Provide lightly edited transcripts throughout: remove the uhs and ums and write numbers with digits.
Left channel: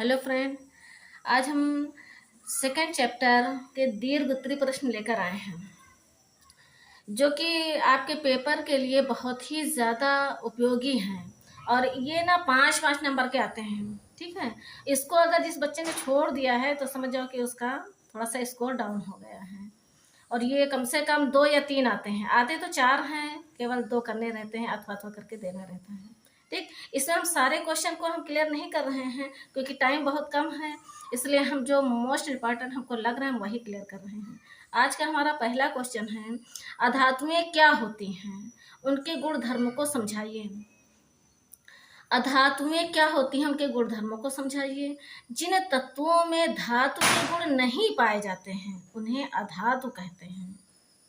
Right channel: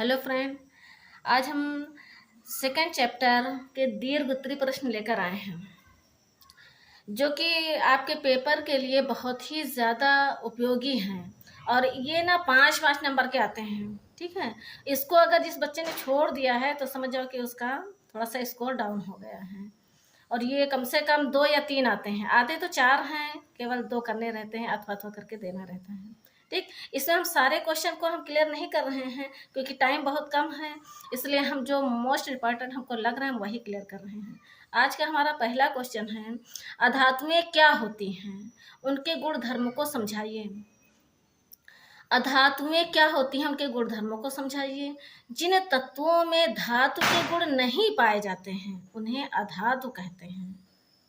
Hello friend, आज हम second chapter के दीर्घ उत्तरी प्रश्न लेकर आए हैं जो कि आपके पेपर के लिए बहुत ही ज़्यादा उपयोगी हैं। और ये ना 5-5 नंबर के आते हैं। ठीक है, इसको अगर जिस बच्चे ने छोड़ दिया है तो समझ जाओ कि उसका थोड़ा सा स्कोर डाउन हो गया है। और ये कम से कम 2 या 3 आते हैं, आते तो 4 हैं, केवल 2 करने रहते हैं, अथवा अथवा करके देना रहता है। ठीक, इसमें हम सारे क्वेश्चन को हम क्लियर नहीं कर रहे हैं क्योंकि टाइम बहुत कम है, इसलिए हम जो मोस्ट इम्पॉर्टेंट हमको लग रहा है हम वही क्लियर कर रहे हैं। आज का हमारा पहला क्वेश्चन है, अधातुएं क्या होती हैं, उनके गुण धर्म को समझाइए। अधातुएं क्या होती हैं, उनके गुण धर्मों को समझाइए। जिन तत्वों में धातु के गुण नहीं पाए जाते हैं उन्हें अधातु कहते हैं।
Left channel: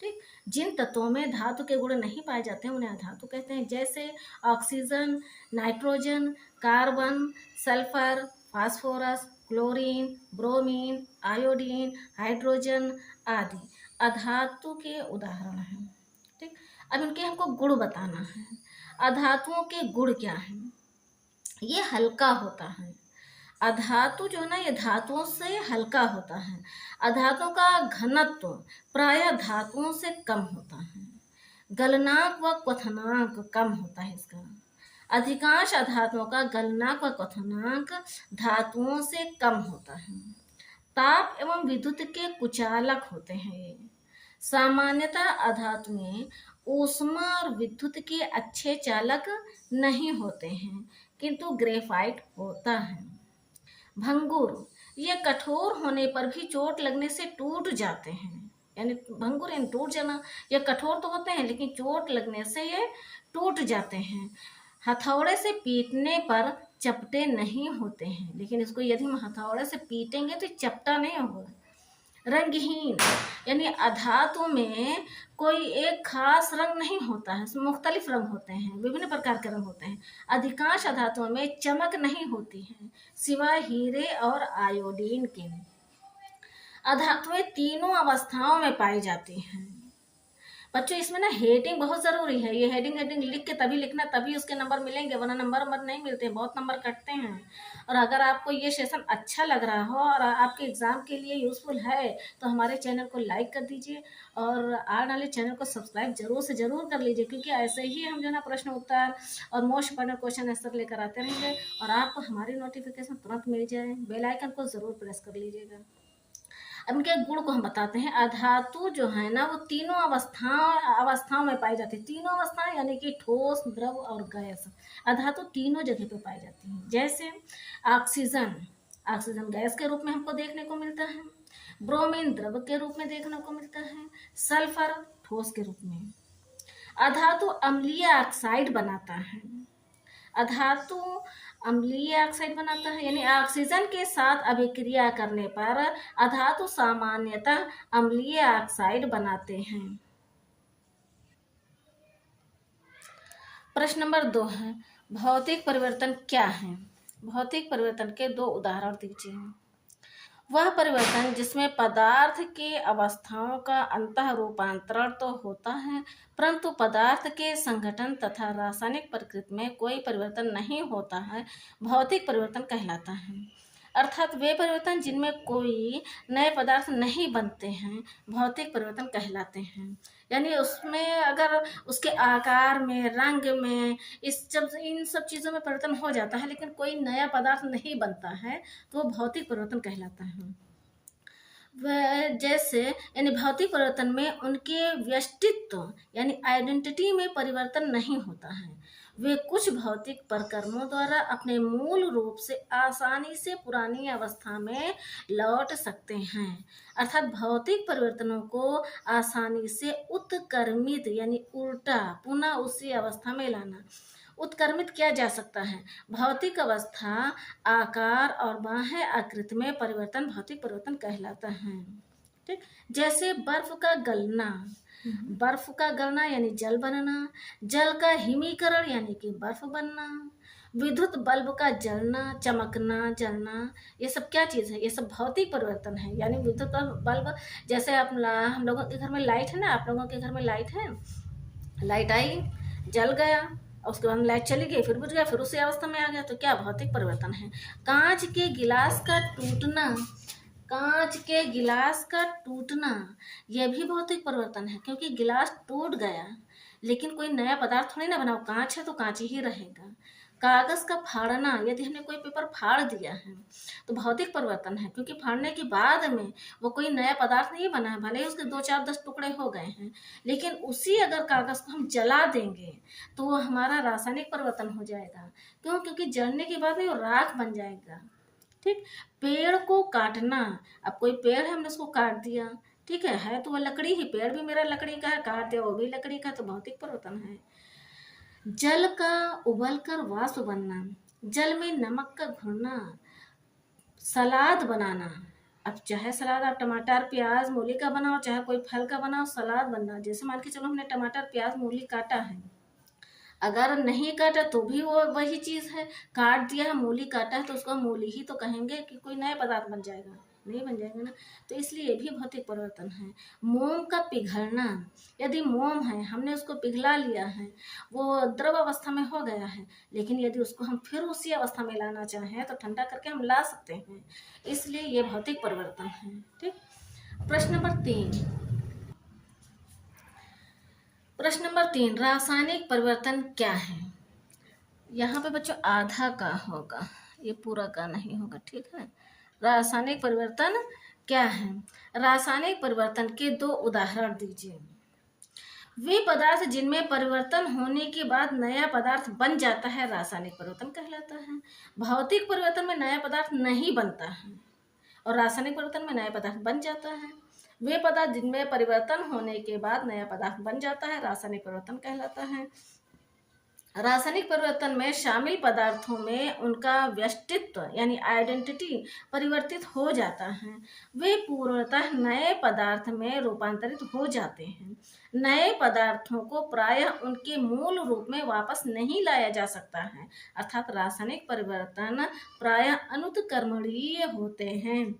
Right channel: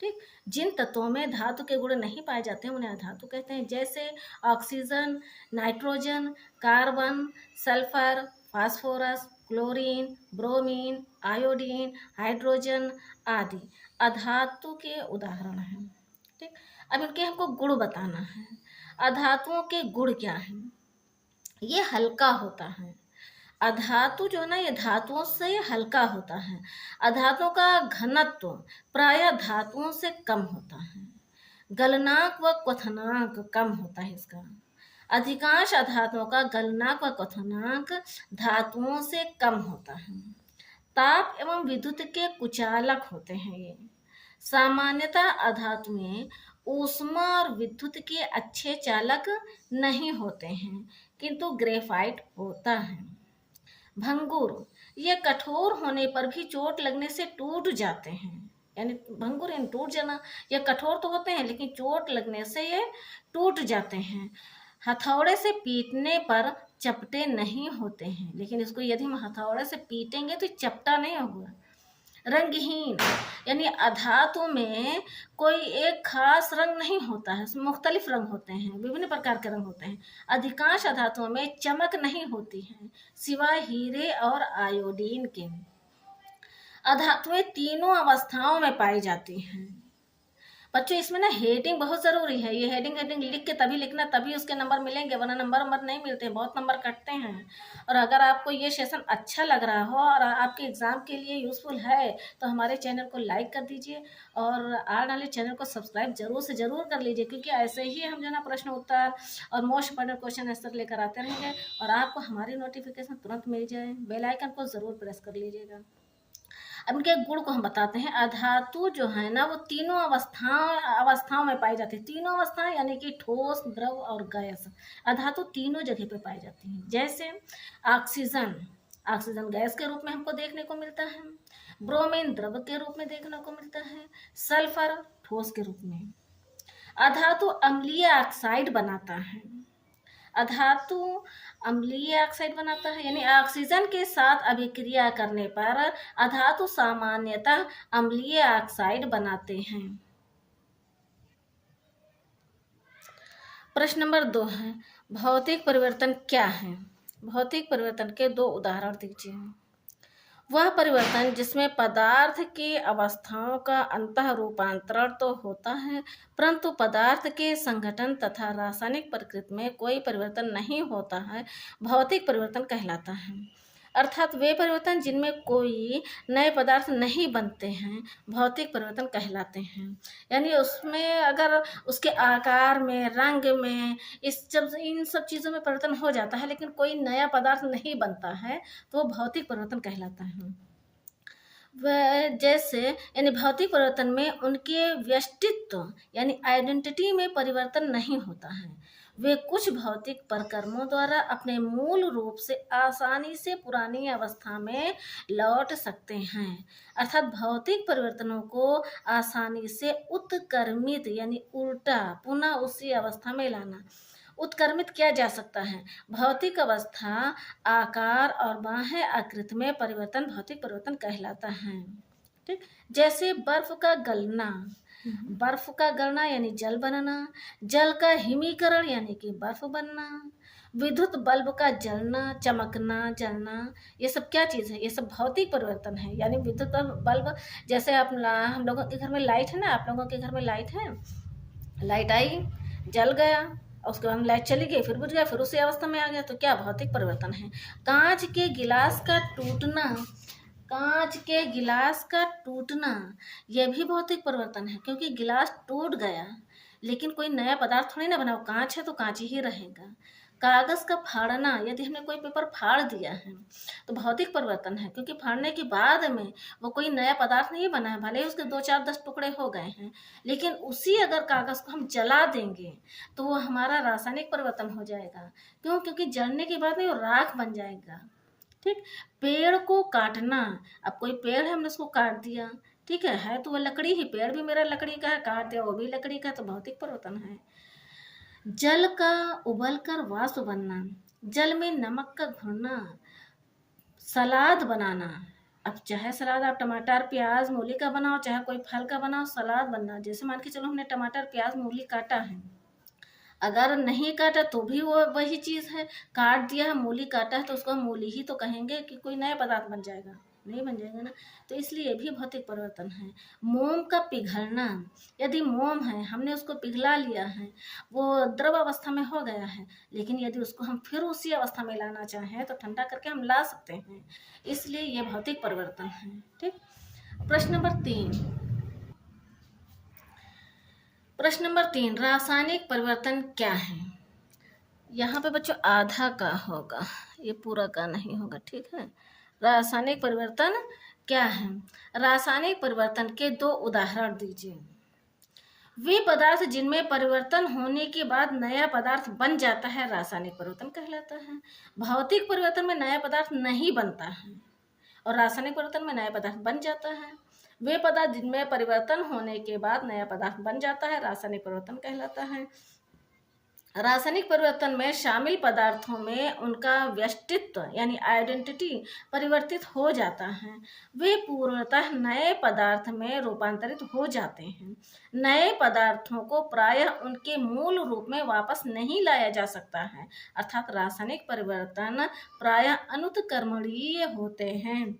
ठीक, जिन तत्वों में धातु के गुण नहीं पाए जाते हैं उन्हें अधातु कहते हैं, जैसे oxygen, nitrogen, carbon, sulphur, phosphorus, chlorine, bromine, iodine, hydrogen आदि अधातु के उदाहरण हैं। ठीक, अब इनके हमको गुण बताना है। अधातुओं के गुण क्या हैं? ये हल्का होता है। अधातु जो ना ये धातुओं से हल्का होता है। अधातुओं का घनत्व प्रायः धातुओं से कम होता है। गलनांक व क्वथनांक कम होता है इसका। अधिकांश अधातुओं का गलनांक व क्वथनांक धातुओं से कम होता है। ताप एवं विद्युत के कुचालक होते हैं ये। सामान्यतः अधातुएं ऊष्मा और विद्युत के अच्छे चालक नहीं होते हैं, किंतु ग्रेफाइट होता है। भंगुर, ये कठोर होने पर भी चोट लगने से टूट जाते हैं। यानी भंगुर यानी टूट जाना। ये कठोर तो होते हैं लेकिन चोट लगने से ये टूट जाते हैं। हथौड़े से पीटने पर चपटे नहीं होते हैं, लेकिन इसको यदि हम हथौड़े से पीटेंगे तो चपटा नहीं होगा। रंगहीन, यानी अधातु में कोई एक खास रंग नहीं होता है, मुख्तलिफ रंग होते हैं, विभिन्न प्रकार के रंग होते हैं। अधिकांश अधातुओं में चमक नहीं होती है सिवाय हीरे और आयोडीन के। अधातुएं तीनों अवस्थाओं में पाई जाती हैं। बच्चों इसमें ना हेडिंग बहुत ज़रूरी है। ये हेडिंग लिख के तभी लिखना, तभी उसके नंबर मिलेंगे, वरना नंबर नहीं मिलते, बहुत नंबर कटते हैं। और अगर आपको ये सेशन अच्छा लग रहा हो और आपके एग्ज़ाम के लिए यूज़फुल है तो हमारे चैनल को लाइक कर दीजिए और आने वाले चैनल को सब्सक्राइब जरूर से ज़रूर कर लीजिए, क्योंकि ऐसे ही हम जो ना प्रश्न उत्तर और मोस्ट इंपॉर्टेंट क्वेश्चन आंसर लेकर आते रहेंगे और आपको हमारी नोटिफिकेशन तुरंत मिल जाए। बेल आइकन को ज़रूर प्रेस कर लीजिएगा। अब इनके गुण को हम बताते हैं। अधातु जो है ना वो तीनों अवस्थाओं में पाई जाती है। तीनों अवस्थाएं यानी कि ठोस, द्रव और गैस। अधातु तीनों जगह पे पाई जाती हैं। जैसे ऑक्सीजन गैस के रूप में हमको देखने को मिलता है। ब्रोमीन द्रव के रूप में देखने को मिलता है। सल्फर ठोस के रूप में। अधातु अम्लीय ऑक्साइड बनाता है। अधातु अम्लीय ऑक्साइड बनाता है, यानी ऑक्सीजन के साथ अभिक्रिया करने पर अधातु सामान्यतः अम्लीय ऑक्साइड बनाते हैं। प्रश्न नंबर 2 है, भौतिक परिवर्तन क्या है? भौतिक परिवर्तन के 2 उदाहरण दीजिए। वह परिवर्तन जिसमें पदार्थ की अवस्थाओं का अंतः रूपांतरण तो होता है, परंतु पदार्थ के संगठन तथा रासायनिक प्रकृति में कोई परिवर्तन नहीं होता है, भौतिक परिवर्तन कहलाता है। अर्थात वे परिवर्तन जिनमें कोई नए पदार्थ नहीं बनते हैं भौतिक परिवर्तन कहलाते हैं। यानी उसमें अगर उसके आकार में, रंग में, इन सब चीज़ों में परिवर्तन हो जाता है लेकिन कोई नया पदार्थ नहीं बनता है तो वो भौतिक परिवर्तन कहलाता है। वह जैसे यानी भौतिक परिवर्तन में उनके व्यष्टित्व यानी आइडेंटिटी में परिवर्तन नहीं होता है। वे कुछ भौतिक प्रक्रमों द्वारा अपने मूल रूप से आसानी से पुरानी अवस्था में लौट सकते हैं। अर्थात भौतिक परिवर्तनों को आसानी से उत्क्रमित यानी उल्टा पुनः उसी अवस्था में लाना, उत्क्रमित किया जा सकता है। भौतिक अवस्था, आकार और बाह्य आकृति में परिवर्तन भौतिक परिवर्तन कहलाता है। ठीक, जैसे बर्फ का गलना यानी जल बनना, जल का हिमीकरण यानी कि बर्फ बनना, विद्युत बल्ब का जलना, चमकना, जलना, ये सब क्या चीज़ है? ये सब भौतिक परिवर्तन है। यानी विद्युत बल्ब, जैसे हम लोगों के घर में लाइट है ना, आप लोगों के घर में लाइट है, लाइट आई, जल गया और उसके बाद लाइट चली गई, फिर बुझ गया, फिर उसी अवस्था में आ गया। तो क्या भौतिक परिवर्तन है। कांच के गिलास का टूटना, कांच के गिलास का टूटना यह भी भौतिक परिवर्तन है, क्योंकि गिलास टूट गया लेकिन कोई नया पदार्थ थोड़ी ना बना, कांच है तो कांच ही रहेगा। कागज का फाड़ना, यदि हमने कोई पेपर फाड़ दिया है तो भौतिक परिवर्तन है, क्योंकि फाड़ने के बाद में वो कोई नया पदार्थ नहीं बना है, भले ही उसके 2 4 10 टुकड़े हो गए हैं, लेकिन उसी अगर कागज को हम जला देंगे तो वो हमारा रासायनिक परिवर्तन हो जाएगा। क्यों? क्योंकि जलने के बाद में वो राख बन जाएगा। ठीक। पेड़ को काटना, अब कोई पेड़ है, हमने उसको काट दिया, ठीक है तो वह लकड़ी ही, पेड़ भी मेरा लकड़ी का है, काट दिया वो भी लकड़ी का, तो भौतिक परिवर्तन है। जल का उबलकर वाष्प बनना, जल में नमक का घुलना, सलाद बनाना। अब चाहे सलाद आप टमाटर प्याज मूली का बनाओ, चाहे कोई फल का बनाओ, सलाद बनना। जैसे मान के चलो हमने टमाटर प्याज मूली काटा है, अगर नहीं काटा तो भी वो वही चीज़ है, काट दिया है मूली काटा है तो उसको हम मूली ही तो कहेंगे, कि कोई नया पदार्थ बन जाएगा, नहीं बन जाएगा ना। तो इसलिए भी भौतिक परिवर्तन है। मोम का पिघलना, यदि मोम है हमने उसको पिघला लिया है, वो द्रव अवस्था में हो गया है, लेकिन यदि उसको हम फिर उसी अवस्था में लाना चाहें तो ठंडा करके हम ला सकते हैं, इसलिए ये भौतिक परिवर्तन है। ठीक। प्रश्न नंबर 3, प्रश्न नंबर 3, रासायनिक परिवर्तन क्या है। यहाँ पे बच्चों आधा का होगा, ये पूरा का नहीं होगा, ठीक है। रासायनिक परिवर्तन क्या है। रासायनिक परिवर्तन के 2 उदाहरण दीजिए। वे पदार्थ जिनमें परिवर्तन होने के बाद नया पदार्थ बन जाता है रासायनिक परिवर्तन कहलाता है। भौतिक परिवर्तन में नया पदार्थ नहीं बनता है और रासायनिक परिवर्तन में नया पदार्थ बन जाता है। वे पदार्थ जिनमें परिवर्तन होने के बाद नया पदार्थ बन जाता है रासायनिक परिवर्तन कहलाता है। रासायनिक परिवर्तन में शामिल पदार्थों में उनका व्यक्तित्व यानी आइडेंटिटी परिवर्तित हो जाता है। वे पूर्णतः नए पदार्थ में रूपांतरित हो जाते हैं। नए पदार्थों को प्रायः उनके मूल रूप में वापस नहीं लाया जा सकता है, अर्थात रासायनिक परिवर्तन प्रायः अनुत्क्रमणीय होते हैं।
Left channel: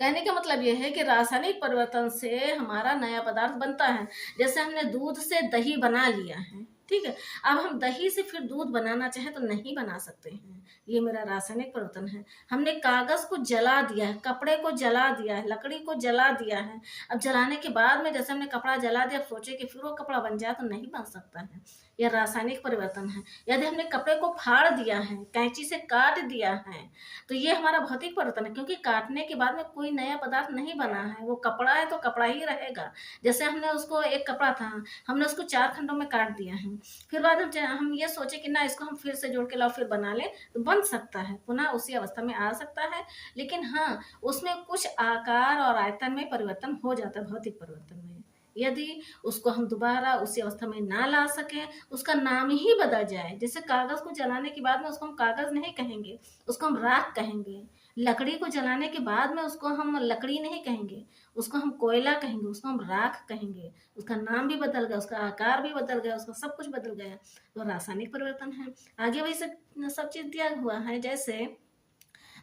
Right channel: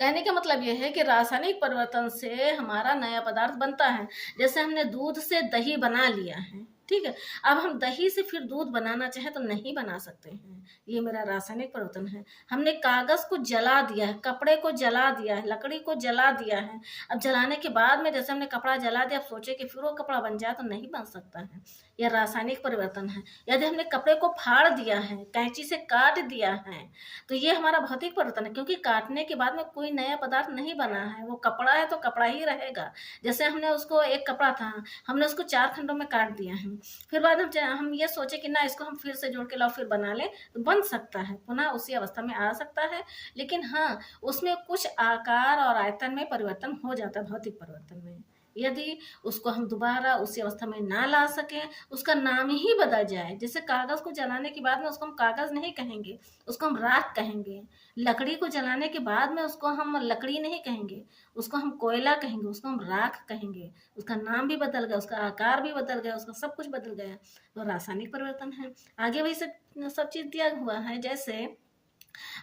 कहने का मतलब यह है कि रासायनिक परिवर्तन से हमारा नया पदार्थ बनता है। जैसे हमने दूध से दही बना लिया है, ठीक है, अब हम दही से फिर दूध बनाना चाहें तो नहीं बना सकते हैं, ये मेरा रासायनिक परिवर्तन है। हमने कागज को जला दिया है, कपड़े को जला दिया है, लकड़ी को जला दिया है, अब जलाने के बाद में जैसे हमने कपड़ा जला दिया, अब सोचे कि फिर वो कपड़ा बन जाए तो नहीं बन सकता है, यह रासायनिक परिवर्तन है। यदि हमने कपड़े को फाड़ दिया है, कैंची से काट दिया है, तो ये हमारा भौतिक परिवर्तन है, क्योंकि काटने के बाद में कोई नया पदार्थ नहीं बना है, वो कपड़ा है तो कपड़ा ही रहेगा। जैसे हमने उसको, एक कपड़ा था, हमने उसको 4 खंडों में काट दिया है, फिर बाद हम ये सोचे कि ना इसको हम फिर से जोड़ के लाओ फिर बना लें, तो बन सकता है, पुनः उसी अवस्था में आ सकता है, लेकिन हाँ उसमें कुछ आकार और आयतन में परिवर्तन हो जाता है भौतिक परिवर्तन में। यदि उसको हम दोबारा उसी अवस्था में ना ला सकें, उसका नाम ही बदल जाए, जैसे कागज को जलाने के बाद में उसको हम कागज नहीं कहेंगे, उसको हम राख कहेंगे। लकड़ी को जलाने के बाद में उसको हम लकड़ी नहीं कहेंगे, उसको हम कोयला कहेंगे, उसको हम राख कहेंगे, उसका नाम भी बदल गया, उसका आकार भी बदल गया, उसका सब कुछ बदल गया, तो रासायनिक परिवर्तन है। आगे वही सब चीज दिया हुआ है, जैसे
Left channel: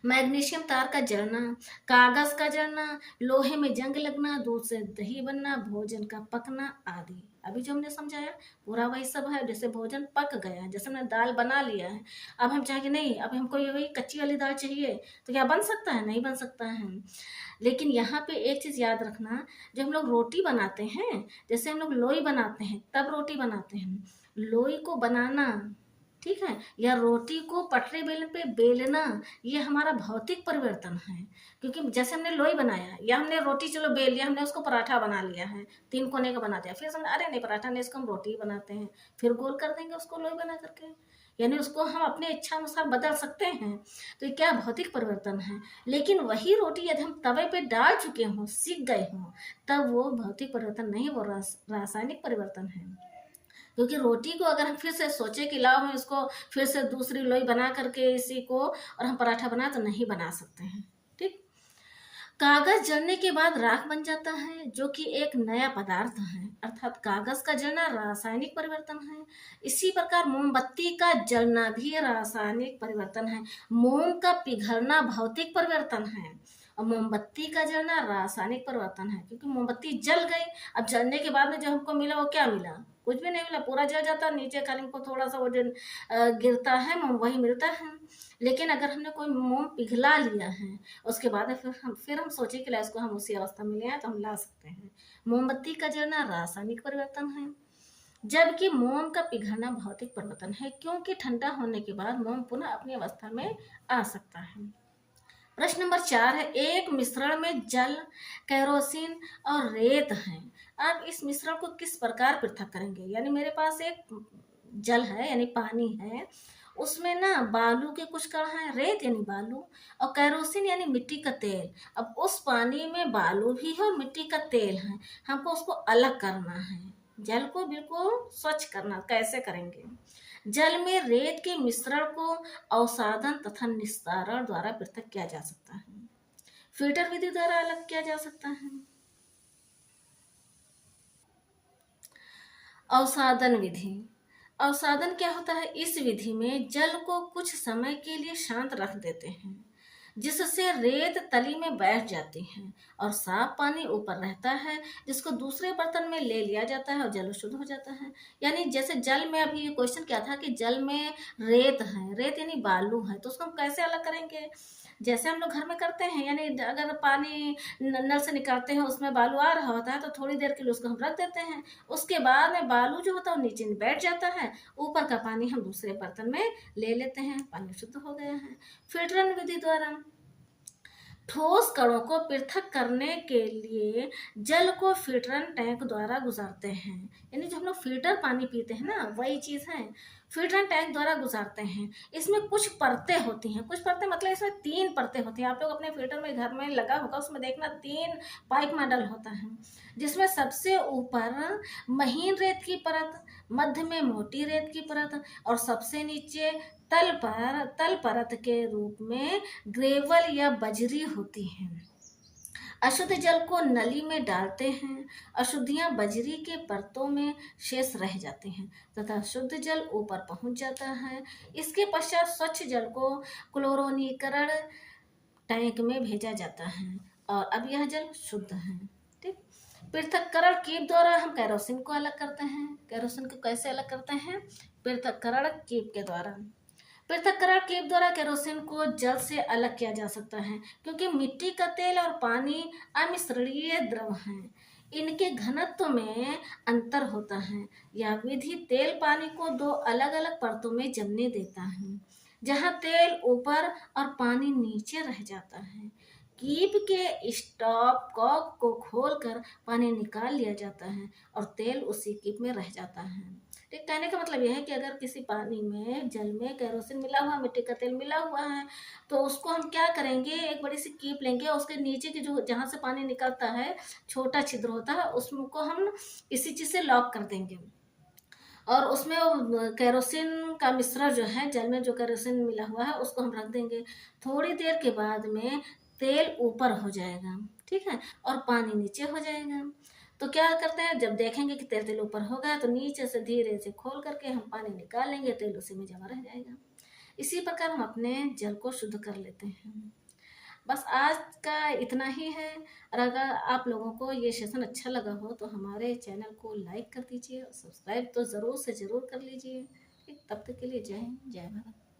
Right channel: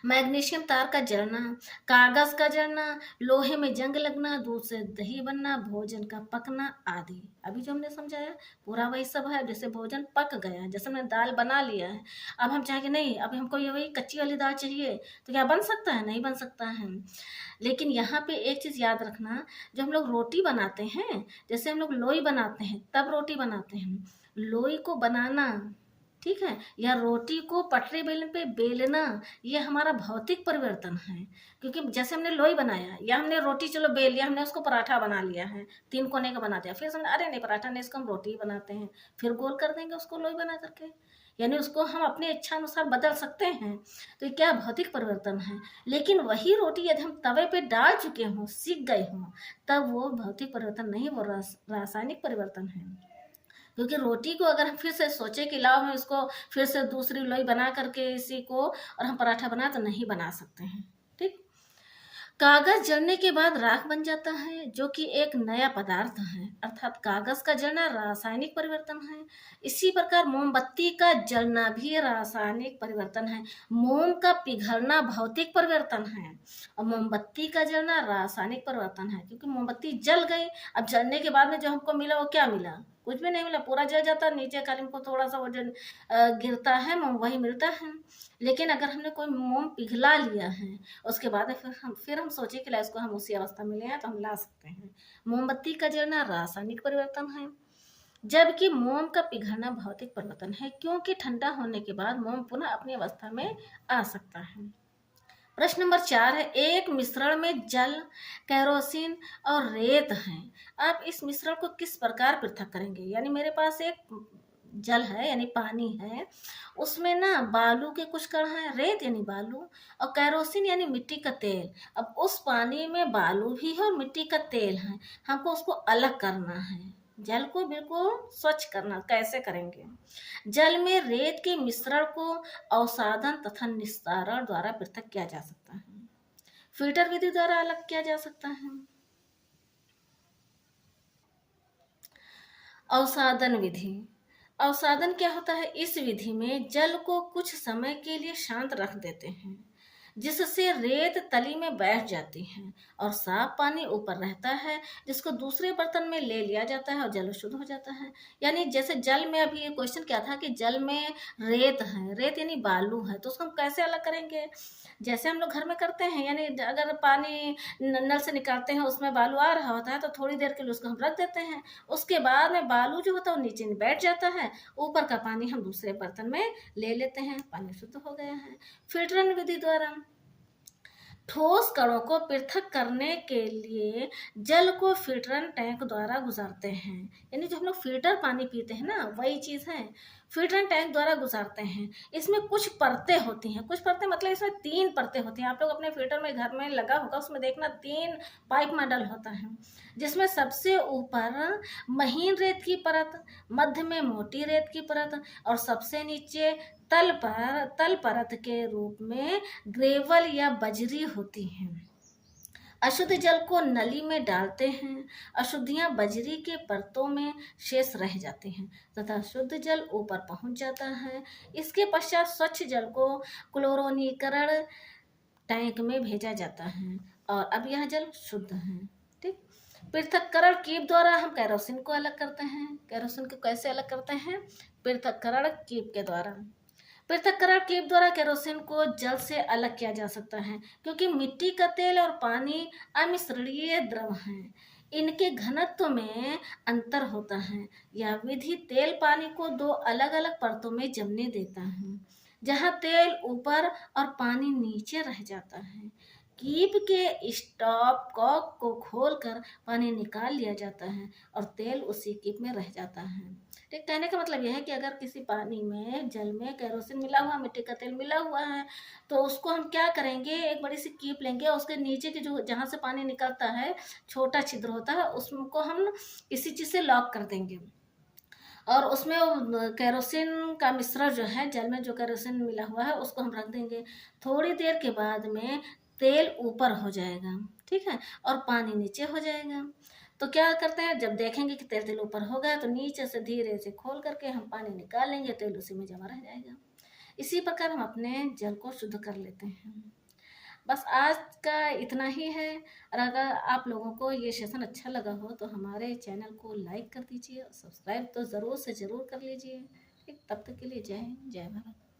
मैग्नीशियम तार का जलना, कागज का जलना, लोहे में जंग लगना, दूध से दही बनना, भोजन का पकना आदि। अभी जो हमने समझाया पूरा वही सब है। जैसे भोजन पक गया, जैसे हमने दाल बना लिया है, अब हम चाहेंगे नहीं अब हमको ये वही कच्ची वाली दाल चाहिए, तो क्या बन सकता है? नहीं बन सकता है। लेकिन यहाँ पे एक चीज़ याद रखना, जब हम लोग रोटी बनाते हैं, जैसे हम लोग लोई बनाते हैं तब रोटी बनाते हैं, लोई को बनाना, ठीक है, या रोटी को पटरी बेलन पे बेलना, ये हमारा भौतिक परिवर्तन है। क्योंकि जैसे हमने लोई बनाया या हमने रोटी चलो बेल लिया, हमने उसको पराठा बना लिया है, 3 कोने का बना दिया, फिर समझ अरे नहीं पराठा नहीं, इसको हम रोटी बनाते हैं, फिर गोल कर देंगे उसको लोई बना करके, यानी उसको हम अपने इच्छा अनुसार बदल सकते हैं। तो ये क्या भौतिक परिवर्तन है। लेकिन वही रोटी यदि हम तवे पे डाल चुके हों, सीख गए हों, तब वो भौतिक परिवर्तन नहीं, वो रासायनिक परिवर्तन है। क्योंकि रोटी को अगर हम फिर से सोचे कि लाओ हम इसको फिर से दूसरी लोई बना करके इसी को और हम पराठा बना, तो नहीं बना सकते हैं। ठीक। कागज जलने के बाद राख बन जाता है, जो कि एक नया पदार्थ है, अर्थात कागज का जलना रासायनिक परिवर्तन है। इसी प्रकार मोमबत्ती का जलना भी रासायनिक परिवर्तन है। मोम का पिघलना भौतिक परिवर्तन है और मोमबत्ती का जलना रासायनिक परिवर्तन है, क्योंकि मोमबत्ती जल गई, अब जलने के बाद में जो हमको मिला वो क्या मिला, कुछ भी नहीं मिला, पूरा जल जाता है, नीचे खाली हमको थोड़ा सा वो जो गिरता है मोम वही मिलता है। लेकिन अगर हमने कोई मोम पिघला लिया है उसके बाद फिर हम सोचे कि ला इसको हम उसी अवस्था में ले आए तो हम ला सकते हैं। मोमबत्ती का जलना रासायनिक परिवर्तन है, जबकि मोम का पिघलना भौतिक परिवर्तन है, क्योंकि ठंडा होने के बाद मोम पुनः अपनी अवस्था में आ सकता है। प्रश्न नंबर 4 है, एक मिश्रण में जल, केरोसिन और रेत है, आप इस मिश्रण को किस प्रकार पृथक करेंगे। यानी मेरे पास एक जल है यानी पानी है, उसमें ना बालू के कुछ कण हैं, रेत यानी बालू, और केरोसिन यानी मिट्टी का तेल। अब उस पानी में बालू भी है और मिट्टी का तेल है, हमको उसको अलग करना है, जल को बिल्कुल स्वच्छ करना। कैसे करेंगे। जल में रेत के मिश्रण को अवसादन तथा निस्तारण द्वारा पृथक किया जा सकता है, फिल्टर विधि द्वारा अलग किया जा सकता है। अवसादन विधि, अवसादन क्या होता है, इस विधि में जल को कुछ समय के लिए शांत रख देते हैं, जिससे रेत तली में बैठ जाती है और साफ पानी ऊपर रहता है, जिसको दूसरे बर्तन में ले लिया जाता है और जल शुद्ध हो जाता है। यानी जैसे जल में, अभी ये क्वेश्चन क्या था कि जल में रेत है, रेत यानी बालू है, तो उसको हम कैसे अलग करेंगे। जैसे हम लोग घर में करते हैं, यानी अगर पानी नल से निकालते हैं उसमें बालू आ रहा होता है तो थोड़ी देर के लिए उसको हम रख देते हैं, उसके बाद में बालू जो होता है वो नीचे बैठ जाता है, ऊपर का पानी हम दूसरे बर्तन में ले लेते हैं, पानी शुद्ध हो गया है। फिल्टरन विधि द्वारा ठोस कणों को पृथक करने के लिए जल को फिल्टरन टैंक द्वारा गुजारते हैं, यानी जो हम लोग फिल्टर पानी पीते हैं ना वही चीज़ है, फिल्टरन टैंक द्वारा गुजारते हैं। इसमें कुछ परतें होती हैं, कुछ परतें मतलब इसमें 3 परतें होती हैं, आप लोग अपने फिल्टर में घर में लगा होगा उसमें देखना 3 पाइप मॉडल होता है, जिसमें सबसे ऊपर महीन रेत की परत, मध्य में मोटी रेत की परत और सबसे नीचे तल परत के रूप में ग्रेवल या बजरी होती हैं। अशुद्ध जल को नली में डालते हैं, अशुद्धियां बजरी के परतों में शेष रह जाती हैं तथा शुद्ध जल ऊपर पहुंच जाता है। इसके पश्चात स्वच्छ जल को क्लोरोनीकरण टैंक में भेजा जाता है और अब यह जल शुद्ध है। ठीक। पृथक्करण कीप द्वारा हम केरोसिन को अलग करते हैं। केरोसिन को कैसे अलग करते हैं, पृथक्करण कीप के द्वारा। पृथक्करण कीप द्वारा केरोसिन को जल से अलग किया जा सकता है, क्योंकि मिट्टी का तेल और पानी अमिश्रणीय द्रव हैं, इनके घनत्व में अंतर होता है। यह विधि तेल पानी को 2 अलग अलग परतों में जमने देता है, जहां तेल ऊपर और पानी नीचे रह जाता है। कीप के स्टॉप कॉक को खोलकर पानी निकाल लिया जाता है और तेल उसी कीप में रह जाता है। ठीक, कहने का मतलब यह है कि अगर किसी पानी में, जल में केरोसिन मिला हुआ, मिट्टी का तेल मिला हुआ है, तो उसको हम क्या करेंगे, एक बड़ी सी कीप लेंगे और उसके नीचे की जो जहाँ से पानी निकलता है छोटा छिद्र होता है उसको हम इसी चीज़ से लॉक कर देंगे और उसमें केरोसिन का मिश्रण जो है, जल में जो केरोसिन मिला हुआ है उसको हम रख देंगे। थोड़ी देर के बाद में तेल ऊपर हो जाएगा, ठीक है, और पानी नीचे हो जाएगा। तो क्या करते हैं, जब देखेंगे कि तेल ऊपर हो गया तो नीचे से धीरे से खोल करके हम पानी निकाल लेंगे, तेल उसी में जमा रह जाएगा। इसी प्रकार हम अपने जल को शुद्ध कर लेते हैं। बस आज का इतना ही है, और अगर आप लोगों को ये सेशन अच्छा लगा हो तो हमारे चैनल को लाइक कर दीजिए और सब्सक्राइब तो ज़रूर से ज़रूर कर लीजिए। तब तक के लिए जय हिंद, जय भारत।